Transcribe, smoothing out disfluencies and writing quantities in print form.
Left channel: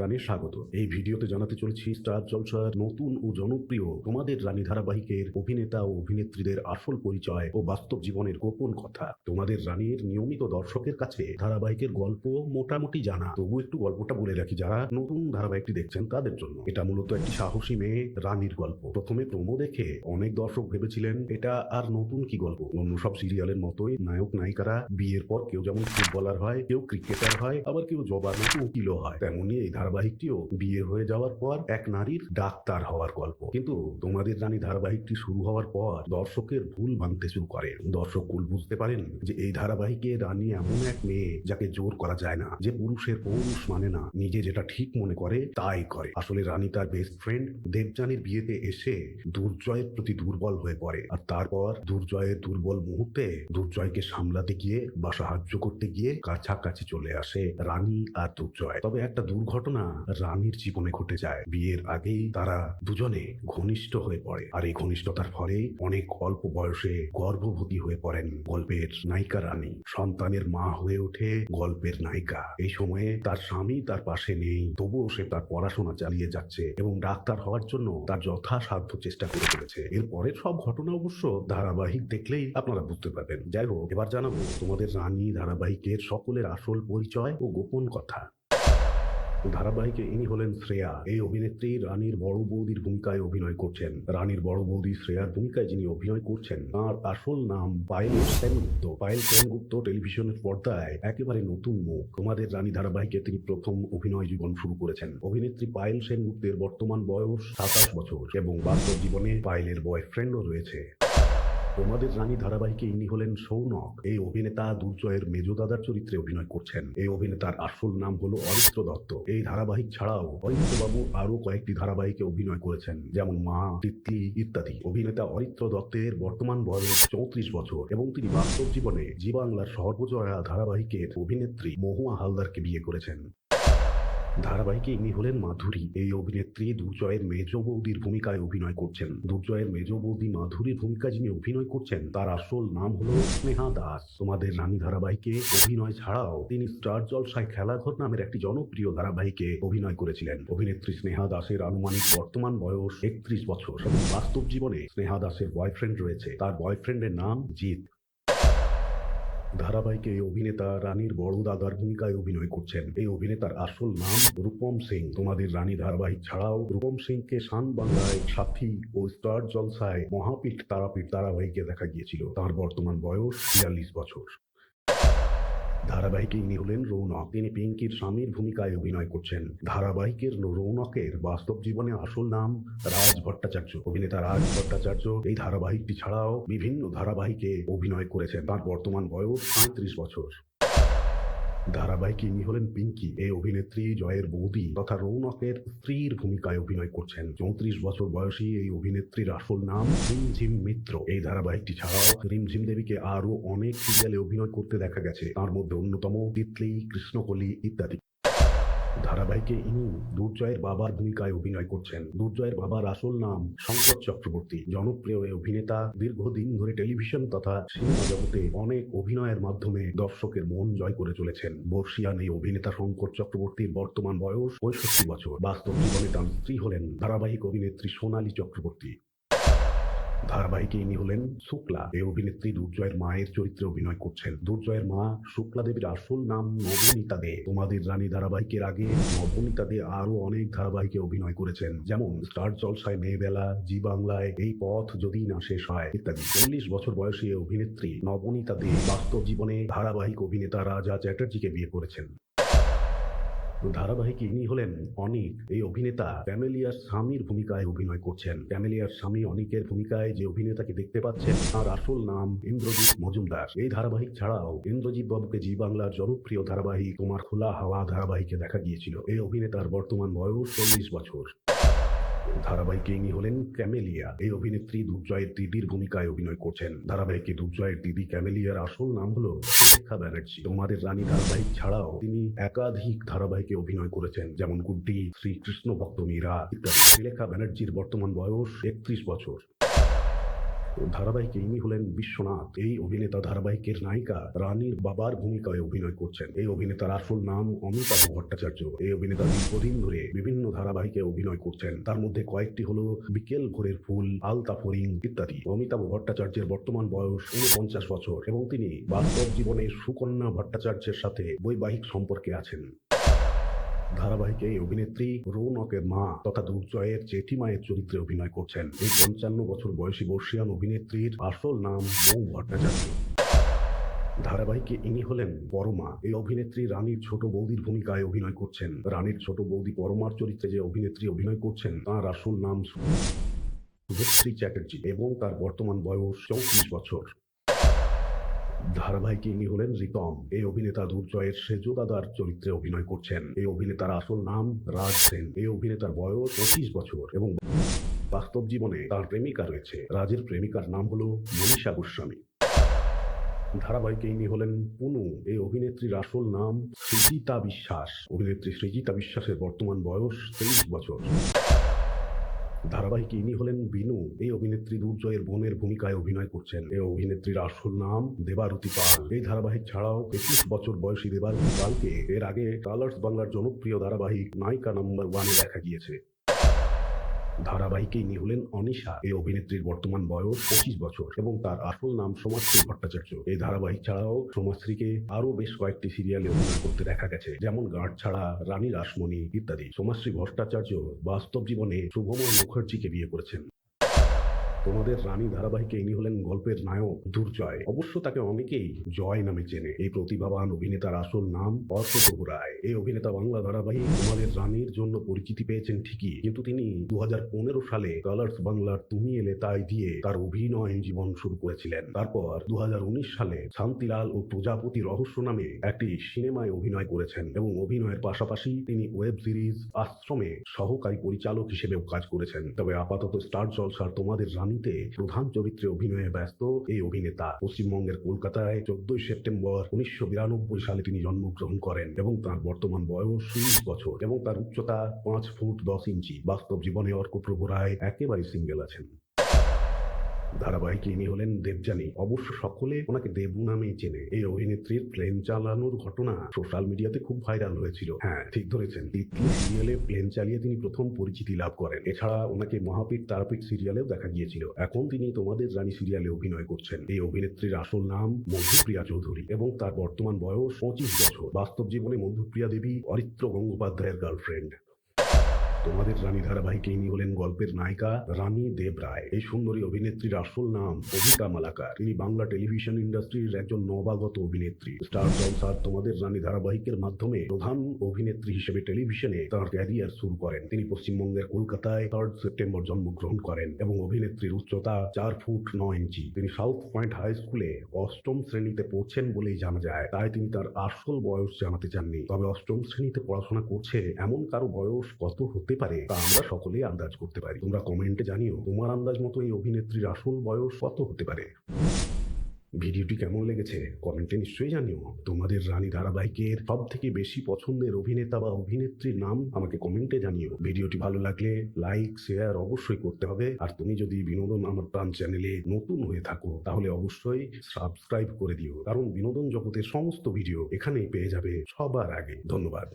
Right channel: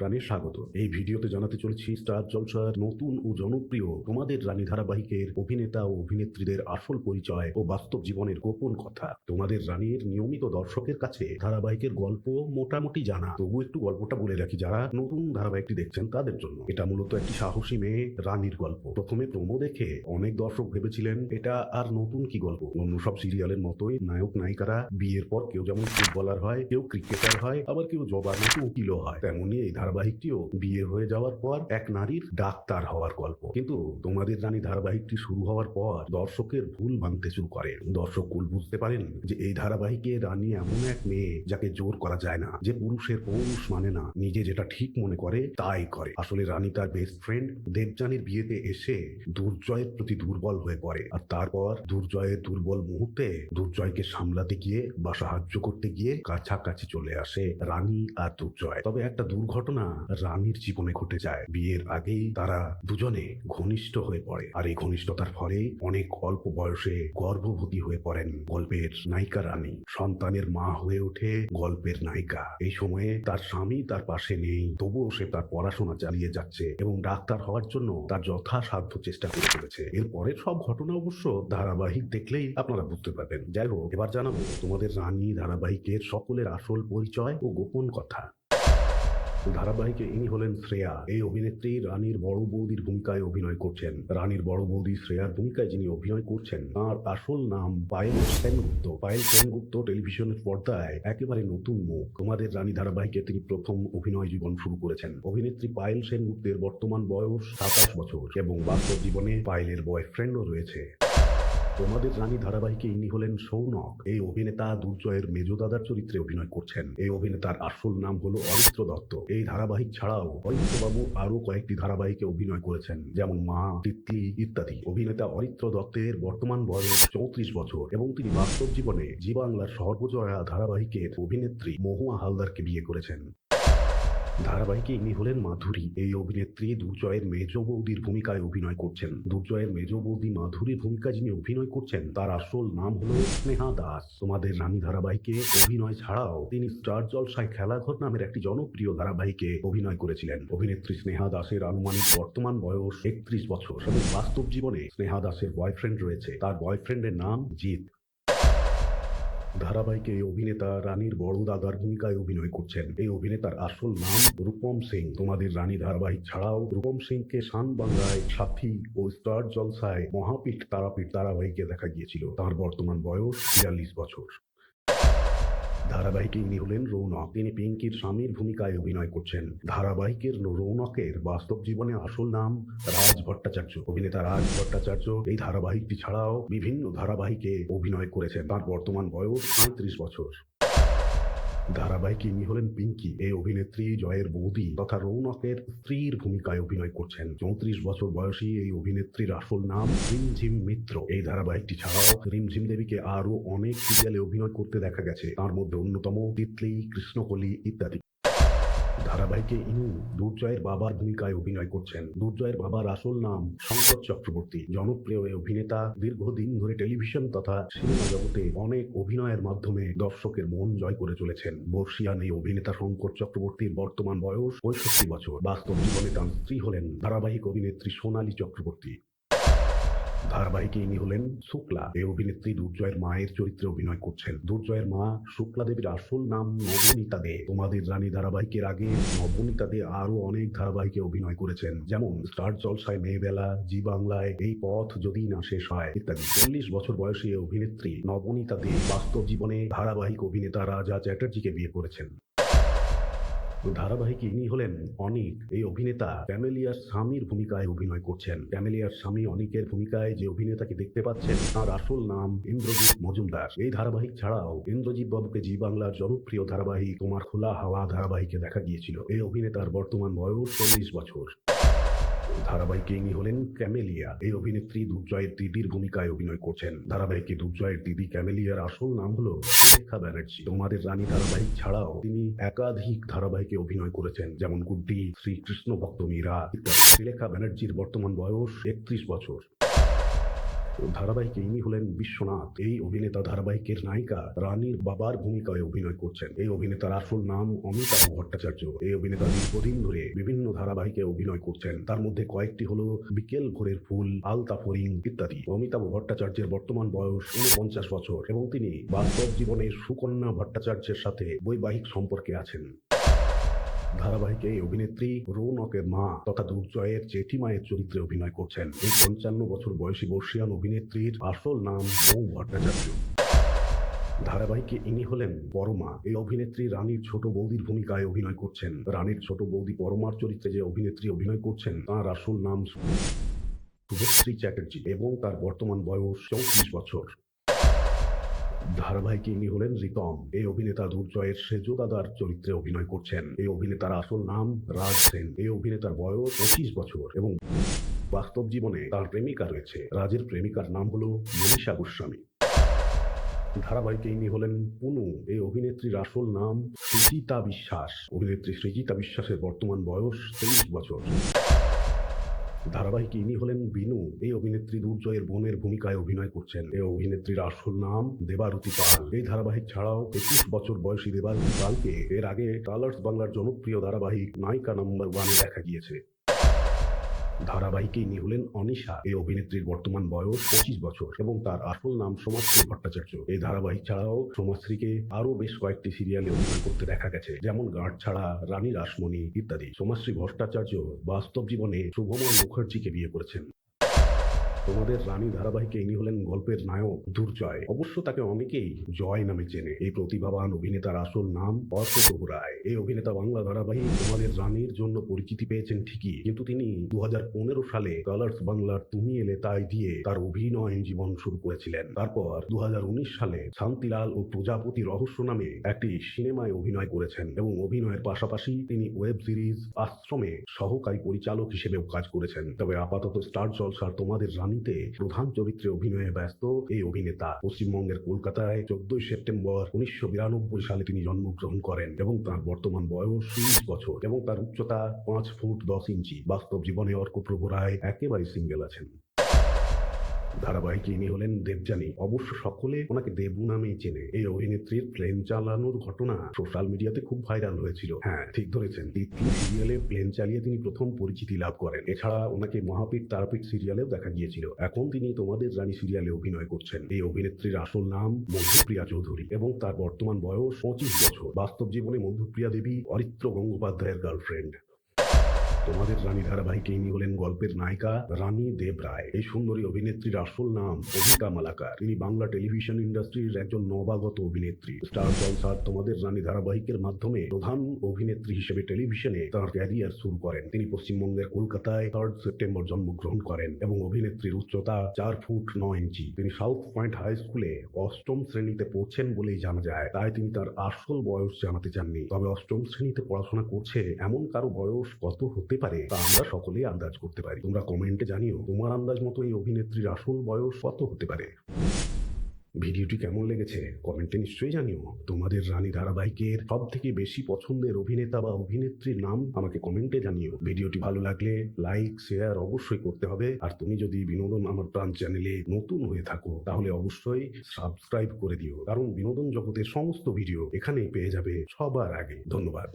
সপ্রাণে স্বাগত। এই ভিডিওতে জানাতে চলেছি স্টার জলসার নতুন ও জনপ্রিয় তোমাদের রানী ধারাবাহিকের অভিনেতা ও অভিনেত্রীদের আসল পরিচয় ও বাস্তব জীবনের গোপন কথা। তোমাদের রানীর নিয়মিত দর্শকের কাছে ধারাবাহিকের গল্প মোটামুটি জানা, তবু একটু গল্পটা বলে রাখি যারা নতুন ধারাবাহিকটি দেখছেন তাদের জন্য। এটা মূলত একটি সাহসী মেয়ে রানীর গল্প। প্রথমে প্রোমো দেখে অনেক দর্শক ভেবেছিলেন এটা আর নতুন কি গল্প, অন্য সব সিরিয়ালের মতোই নায়ক নায়িকারা বিয়ের পর কেউ যেমন ফুটবলার হয়, কেউ ক্রিকেটার হয়, আবার কেউ জবাবে উকিলও হয়, তেমনি এই ধারাবাহিকটিও বিয়ে হয়ে যাওয়ার পর এক নারীর ডাক্তার হওয়ার গল্প। কিন্তু তোমাদের রানী ধারাবাহিকটি শুরু হওয়ার পর দর্শকের ভুল মানতে শুরু করে। দর্শক ভুল বুঝতে পারেন যে এই ধারাবাহিকে রানী এমন এক মেয়ে যাকে জোর করা যায় না, যে পুরুষের পৌরুষ মানে না, নিজে যেটা ঠিক মনে করে তাই করে। আসলে রানী তার বেস্ট ফ্রেন্ড দেবযানীর বিয়েতে এসে দুর্জয়ের প্রতি দুর্বল হয়ে পড়ে, আর তারপর দুর্জয়ের দুর্বল মুহূর্তে দুর্জয়কে সামলাতে গিয়ে বা সাহায্য করতে গিয়ে কাছাকাছি চলে আসে রানী আর দুর্জয়। তবে একটা দুর্ঘটনা রানীর জীবনে ঘটে যায়। বিয়ের আগেই তারা দুজনে ঘনিষ্ঠ হয়ে পড়ে, আর এই ঘনিষ্ঠতার ফলেই অনেক অল্প বয়সে গর্ভবতী হয়ে পড়েন গল্পের নায়িকা রানী। সন্তানের মা হয়ে ওঠে গল্পের নায়িকা। এই সময়ে তার স্বামী তার পাশে নেই, তবুও সে তার পড়াশোনা চালিয়ে যাচ্ছে এবং ডাক্তার হওয়ার জন্য তার যথাসাধ্য চেষ্টা করে চলেছে। এরপরের সব ঘটনা অবশ্য ধারাবাহিক দেখলেই আপনারা বুঝতে পারবেন। যাই হোক, এবার জানাবো তোমাদের রানী ধারাবাহিকের সকলের আসল পরিচয় ও গোপন কথা। ধারাবাহিকে ইনি হলেন শ্রেয়া। এই অভিনেত্রী রানীর বড় বৌদির ভূমিকায় অভিনয় করছেন। রানীর বড় বৌদি শ্রেয়ার ভূমিকায় যিনি অভিনয় করছেন তার আসল নাম পায়েল সেনগুপ্ত। পায়েল সেনগুপ্ত টেলিভিশনের পর্দায় একেবারে নতুন মুখ। তোমাদের রানী ধারাবাহিকে তিনি প্রথম অভিনয় জীবন শুরু করেছেন। অভিনেত্রী পায়েল সেনগুপ্তের বর্তমান বয়স 27 বছর এবং বাস্তব জীবনে পায়েলের বয়ফ্রেন্ডও রয়েছে। তোমাদের রানী ধারাবাহিকে ইনি হলেন সৌনক। এই অভিনেতা দুর্জয়ের মেজদাদার চরিত্রে অভিনয় করছেন। এই অভিনেতার আসল নাম হলো অরিত্র দত্ত। এই ধারাবাহিক ছাড়াও অরিত্রবাবু আরো কয়েকটি ধারাবাহিকে অভিনয় করেছেন, যেমন মা, তিতলি ইত্যাদি। অভিনেতা অরিত্র দত্তের বর্তমান বয়স 34 বছর এবং তিনি বাস্তব জীবনে জি বাংলার সর্বজয়া ধারাবাহিকের অভিনেত্রী মহুয়া হালদারকে বিয়ে করেছেন। ধারাবাহিকে ইনি হলেন মাধুরী। এই অভিনেত্রী দুর্জয়ের মেজ বৌদির ভূমিকায় অভিনয় করছেন। দুর্জয়ের মেজ বৌদি মাধুরীর ভূমিকায় যিনি অভিনয় করছেন তার আসল নাম হল স্নেহা দাস। তোমাদের রানী ধারাবাহিকে অভিনয় ছাড়াও তিনি স্টার জলসায় খেলাঘর নামের একটি জনপ্রিয় ধারাবাহিকে অভিনয় করেছিলেন। অভিনেত্রী স্নেহা দাসের আনুমানিক বর্তমান বয়স 31 বছর। বাস্তব জীবনে স্নেহা দাসের বয়ফ্রেন্ড রয়েছে। তার বয়ফ্রেন্ডের নাম জিৎ। ধারাবাহিকে এই অভিনেতা রানীর বড় দাদার ভূমিকায় অভিনয় করছেন। এই অভিনেতার আসল নাম রূপম সিং। তোমাদের রানী ধারাবাহিক ছাড়াও রূপম সিংকে শান বাংলায় সাথী ও স্টার জলসায় মহাপীঠ তারাপীঠ ধারাবাহিকে দেখা গিয়েছিল। তার বর্তমান বয়স 42 বছর। ধারাবাহিকে ইনি হলেন রৌনক। তিনি পিঙ্কির স্বামীর ভূমিকায় অভিনয় করছেন। ধারাবাহিকের রৌনকের বাস্তব জীবনে আসল নাম রাজ ভট্টাচার্য। অভিনেতা রাজ ভট্টাচার্য এই ধারাবাহিকটি ছাড়াও বিভিন্ন ধারাবাহিকে অভিনয় করেছেন। তার বর্তমান বয়স 35 বছর। ধারাবাহিকে ইনি হলেন পিঙ্কি। এই অভিনেত্রী জয়ের বৌদি তথা রৌনকের স্ত্রীর ভূমিকায় অভিনয় করছেন। 34 বছর বয়সী এই অভিনেত্রীর আসল নাম রিমঝিম মিত্র। এই ধারাবাহিকটি ছাড়াও রিমঝিম দেবীকে আরো অনেক সিরিয়ালে অভিনয় করতে দেখা গেছে, তার মধ্যে অন্যতম তিতলি, কৃষ্ণকলি ইত্যাদি। ধারাবাহিকে ইনি দুর্জয়ের বাবার ভূমিকায় অভিনয় করছেন। দুর্জয়ের বাবার আসল নাম শঙ্কর চক্রবর্তী। জনপ্রিয় এই অভিনেতা দীর্ঘদিন ধরে টেলিভিশন তথা সিনেমা জগতে অনেক অভিনয়ের মাধ্যমে দর্শকের মন জয় করে চলেছেন। বর্ষিয়ান এই অভিনেতা শঙ্কর চক্রবর্তীর বর্তমান বয়স 65 বছর। বাস্তব জীবনে তার স্ত্রী হলেন ধারাবাহিক অভিনেত্রী সোনালী চক্রবর্তী। ধারাবাহিকে ইনি হলেন শুক্লা। এই অভিনেত্রী দুর্জয়ের মায়ের চরিত্রে অভিনয় করছেন। দুর্জয়ের মা শুক্লা দেবীর আসল নাম নবনীতা দে। তোমাদের রানী ধারাবাহিকের আগে নবনীতা দে আরো অনেক ধারাবাহিকে অভিনয় করেছেন, যেমন স্টার জলসায় মেয়েবেলা, জি বাংলায় এই পথ যদি না শেষ হয় ইত্যাদি। 40 বছর বয়সী এই অভিনেত্রী নবনীতা দে বাস্তব জীবনে ধারাবাহিক অভিনেতা রাজা চ্যাটার্জিকে বিয়ে করেছেন। ধারাবাহিক ইনি হলেন অনিক। এই অভিনেতা ক্যামেলিয়ার স্বামীর ভূমিকায় অভিনয় করছেন। ক্যামেলিয়ার স্বামী অনিকের ভূমিকায় যে অভিনেতাকে দেখতে পাচ্ছেন তার আসল নাম ইন্দ্রজিৎ মজুমদার। এই ধারাবাহিক ছাড়াও ইন্দ্রজিৎ বাবুকে জি বাংলার জনপ্রিয় ধারাবাহিক তোমার খোলা হাওয়া ধারাবাহিকে দেখা গিয়েছিল। এই অভিনেতার বর্তমান বয়স 40 বছর। ধারাবাহিকে ইনি হলেন ক্যামেলিয়া। এই অভিনেত্রী দুর্জয়ের দিদির ভূমিকায় অভিনয় করছেন। ধারাবাহিকে দুর্জয়ের দিদি ক্যামেলিয়ার আসল নাম হলো সুলেখা ব্যানার্জি। তোমাদের রানী ধারাবাহিক ছাড়াও তিনি একাধিক ধারাবাহিকে অভিনয় করেছেন, যেমন গুড্ডি, শ্রী কৃষ্ণ ভক্ত মীরা ইত্যাদি। সুলেখা ব্যানার্জির বর্তমান বয়স 31 বছর। ধারাবাহিকে ইনি হলেন বিশ্বনাথ। এই অভিনেতা ধারাবাহিকের নায়িকা রানীর বাবার ভূমিকায় অভিনয় করছেন। এই অভিনেতার আসল নাম অমিতাভ ভট্টাচার্য। এই অভিনেতা দীর্ঘদিন ধরে বিভিন্ন ধারাবাহিকে অভিনয় করছেন। তার মধ্যে কয়েকটি হলো বিকেল ভোরের ফুল, আলতা ফড়িং ইত্যাদি। অমিতাভ ভট্টাচার্যের বর্তমান বয়স 49 বছর এবং তিনি বাস্তব জীবনে সুকন্যা ভট্টাচার্যের সাথে বৈবাহিক সম্পর্কে আছেন। ধারাবাহিকে এই অভিনেত্রী রৌনকের মা তথা দুর্জয়ের জেঠিমায়ের চরিত্রে অভিনয় করছেন। এই 55 বছর বয়সী বর্ষিয়ান অভিনেত্রীর আসল নাম মৌ ভট্টাচার্য। ধারাবাহিকে ইনি হলেন পরমা। এই অভিনেত্রী রানীর ছোট বৌদির ভূমিকায় অভিনয় করছেন। রানীর ছোট বৌদি পরমার চরিত্রে যে অভিনেত্রী অভিনয় করছেন তার আসল নাম শুভশ্রী চ্যাটার্জি এবং তার বর্তমান বয়স 34 বছর। ধারাবাহিকে ইনি হলেন রিতম। এই অভিনেতা দুর্জয়ের সেজু দাদার চরিত্রে অভিনয় করছেন। এই অভিনেতার আসল নাম রাজ সেন। এই অভিনেতার বয়স 25 বছর এবং বাস্তব জীবনে তার প্রেমিকা রয়েছে। রাজের প্রেমিকার নাম হলো মনীষা গোস্বামী। ধারাবাহিকে ইনি হলেন পুনু। এই অভিনেত্রীর আসল নাম সৃজিতা বিশ্বাস। অভিনেত্রী সৃজিতা বিশ্বাসের বর্তমান বয়স 23 বছর। ধারাবাহিকে ইনি হলেন বিনু। এই অভিনেত্রী দুর্জয়ের বোনের ভূমিকায় অভিনয় করছেন। এই অভিনেত্রীর আসল নাম দেবারতী পাল। এই ধারাবাহিক ছাড়াও 21 বছর বয়সী দেবারতী পালকে এর আগে কালার্স বাংলার জনপ্রিয় ধারাবাহিক নায়িকা নম্বর 1-এ দেখা গিয়েছে। ধারাবাহিকে ইনি হলেন অনিশা। এই অভিনেত্রীর বর্তমান বয়স 25 বছর এবং তার আসল নাম সমাজশ্রী ভট্টাচার্য। এই ধারাবাহিক ছাড়াও সমাজশ্রীকে আরো বেশ কয়েকটি সিরিয়ালে অভিনয় করতে দেখা গেছে, যেমন গার্ড ছাড়া, রানী রাসমণি ইত্যাদি। সমাজশ্রী ভট্টাচার্য বাস্তব জীবনে শুভমন মুখার্জিকে বিয়ে করেছেন। তোমাদের রানী ধারাবাহিকে ইনি হলেন গল্পের নায়ক দুর্জয়। অবশ্য তাকে অনেকেই জয় নামে চেনে। এই প্রতিভাবান অভিনেতার আসল নাম অর্ক প্রভু রায়। এই অভিনেতা বাংলা ধারাবাহিক তোমাদের রানীর জন্য পরিচিতি পেয়েছেন ঠিকই, কিন্তু তিনি 2015 সালে কালার্স বাংলার তুমি এলে তাই দিয়ে তার অভিনয় জীবন শুরু করেছিলেন। তারপর 2019 সালে শান্তিলাল ও প্রজাপতি রহস্য নামে একটি সিনেমায় অভিনয় করেছেন এবং অভিনয়ের পাশাপাশি তিনি ওয়েব সিরিজ আশ্রমে সহকারী পরিচালক হিসেবেও কাজ করেছেন। তবে আপাতত স্টার জলসার তোমাদের রানীতে প্রধান চরিত্রে অভিনয়ে ব্যস্ত এই অভিনেতা। পশ্চিমবঙ্গের কলকাতায় 14 সেপ্টেম্বর 1992 সালে তিনি জন্মগ্রহণ করেন এবং তার বর্তমান বয়স 30 বছর এবং তার উচ্চতা 5 ফুট 10 ইঞ্চি। বাস্তব জীবনে অর্ক প্রভু রায় একেবারে সিঙ্গেল আছেন। ধারাবাহিকে ইনি হলেন দেবযানী। অবশ্য সকলে ওনাকে দেবু নামেই চেনে। এই অভিনেত্রীর প্লেন চালানোর ঘটনা সোশ্যাল মিডিয়াতে খুব ভাইরাল হয়েছিল। হ্যাঁ, ঠিক ধরেছেন, তিতলি সিরিয়ালে প্লেন চালিয়ে তিনি প্রথম পরিচিতি লাভ করেন। এছাড়া ওনাকে মহাপীর তারাপীঠ সিরিয়ালেও দেখা গিয়েছিল। এখন তিনি তোমাদের রানী সিরিয়ালে অভিনয় করছেন। এই অভিনেত্রীর আসল নাম মধুপ্রিয়া চৌধুরী এবং তার বর্তমান বয়স 25 বছর। বাস্তব জীবনে মধুপ্রিয়া দেবী অরিত্র গঙ্গোপাধ্যায়ের গার্লফ্রেন্ড। তোমাদের রানী ধারাবাহিকে ইনি হলেন গল্পের নায়িকা রানী দেব রায়। এই সুন্দরী অভিনেত্রীর আসল নাম অভিকা মালাকার। তিনি বাংলা টেলিভিশন ইন্ডাস্ট্রির একজন নবাগত অভিনেত্রী। স্টার জলসার তোমাদের রানী ধারাবাহিকের মাধ্যমে প্রধান অভিনেত্রী হিসেবে টেলিভিশনে তার ক্যারিয়ার শুরু করেন। তিনি পশ্চিমবঙ্গের কলকাতায় 3 সেপ্টেম্বর জন্মগ্রহণ করেন এবং অভিনেত্রীর উচ্চতা 4 ফুট 9 ইঞ্চি। তিনি সাউথ পয়েন্ট হাই স্কুলে 8ম শ্রেণীতে পড়ছেন বলেই জানা যায়, তাই তিনি তার আসল বয়স জানাতে চাননি। তবে 8ম শ্রেণীতে পড়াশোনা করছে এমন কারো বয়স কত হতে পারে তা আমরা সকলেই আন্দাজ করতে পারি। তোমরা কমেন্টে জানিও তোমার আন্দাজ মতো এই অভিনেত্রীর আসল বয়স কত হতে পারে। ভিডিওটি কেমন লেগেছে কমেন্টে নিশ্চয়ই জানিও। তোমাদের রানী ধারাবাহিকের সব থেকে বেশি পছন্দের অভিনেতা বা অভিনেত্রীর নাম আমাকে কমেন্টে জানিও। ভিডিওটি ভালো লাগলে লাইক শেয়ার অবশ্যই করতে হবে। আর তুমি যদি বিনোদন আমার প্রাণ চ্যানেলে নতুন হয়ে থাকো তাহলে অবশ্যই সাবস্ক্রাইব করে দিও, কারণ বিনোদন জগতের সমস্ত ভিডিও এখানেই পেয়ে যাবে সবার আগে। ধন্যবাদ।